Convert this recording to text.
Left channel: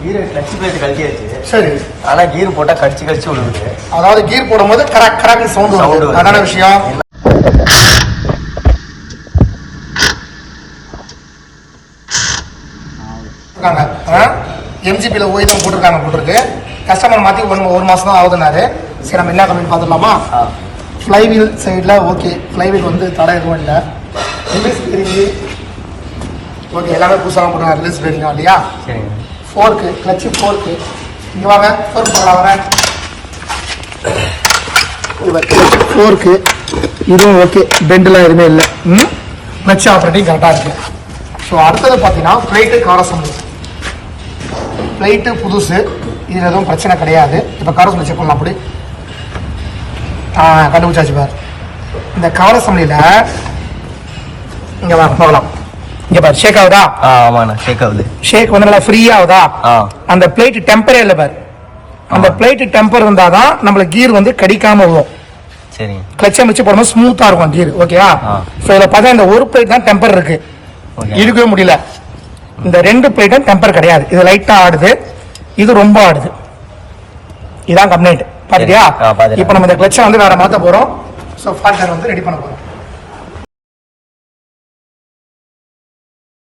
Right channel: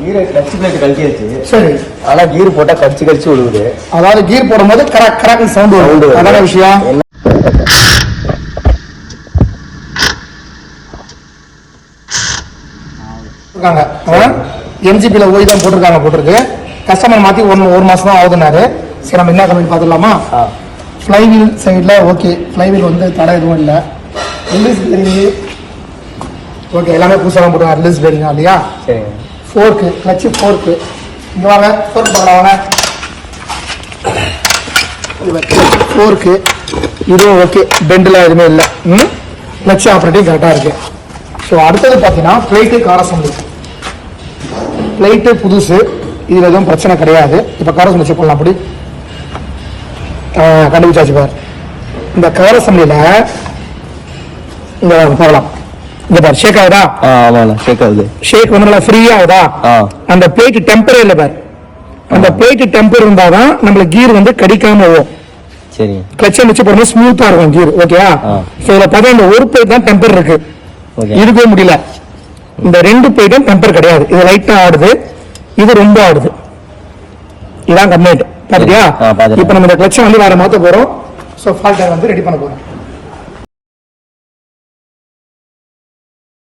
கீரை clutch plate கழட்டியாச்சு. சரி. ஆனா கீர் போட்டா கடிச்சு விழுகுது. அதாவது கீர் போடும் போது கராக்கு சவுண்ட் வருது. அதான விஷயம். எம்ஜிபில ஓய் தான் போட்டிருக்கு. கஸ்டமர் மாத்தி ஒரு மாசம் தான் ஆகுதுனாரு. சரி நம்ம என்ன கம்பெனி பாத்துக்கலாமா? ஃபிளைவீல் சைட்ல ஓகே. ஃபிளைவீல் வந்து தடை எதுவும் இல்ல. ரிலீஸ் பேரிங் ஓகே, எல்லாமே புதுசாக போட்டுருக்காங்க. ரிலீஸ் பேரிங் இல்லையா? ஃபோர்க்கு கிளட்ச் ஃபோர்க்கு. இங்க வாங்க ஃபோர்க் பார்க்கலாம் வாங்க. ஃபோர்க்கு இதுவும் ஓகே, பெண்ட்லாம் எதுவுமே இல்லை. கிளட்ச் ஆப்ரேட்டிங் கரெக்டா இருக்கு. ஸோ அடுத்தது பார்த்தீங்கன்னா பிளேட்டு கவர் அசம்பிளி. பிளேட்டு புதுசு, இதுல எதுவும் பிரச்சனை கிடையாது. இப்ப கவர் அசம்பிளி செக் பண்ணலாம். அப்படி கண்டுபிடிச்சாச்சு பாரு. இந்த கவர் அசம்பிளில இங்க பார்க்கலாம். இங்க பாரு ஷேக் ஆகுதா? ஆமாண்ணா ஷேக் ஆகுது. ஷேக் வந்து நல்லா ஃப்ரீயா ஆகுதா? அந்த பிளேட் டெம்பரே இல்ல பாரு. அந்த பிளேட் டெம்பர் இருந்தாதான் நம்மளுக்கு கீர் வந்து கடிக்காம போகும். சரி. கிளட்சை வச்சு போடும்போது ஸ்மூத்தா இருக்கும் கீர். ஓகேவா? சோ இதுல பார்த்தா இந்த ஒரு பிளேட் தான் டெம்பர் இருக்கு. இருக்கவே முடியல. இந்த ரெண்டு பிளேட்டும் டெம்பர் கிடையாது. இது லைட்டா ஆடுது, இது ரொம்ப ஆடுது. இதான் கம்ப்ளைண்ட். பாத்தியா? இப்ப நம்ம இந்த கிளட்சை வந்து வேற மாத்த போறோம். சோ ஃபால்ட் வந்து ரெடி பண்ண போறோம்.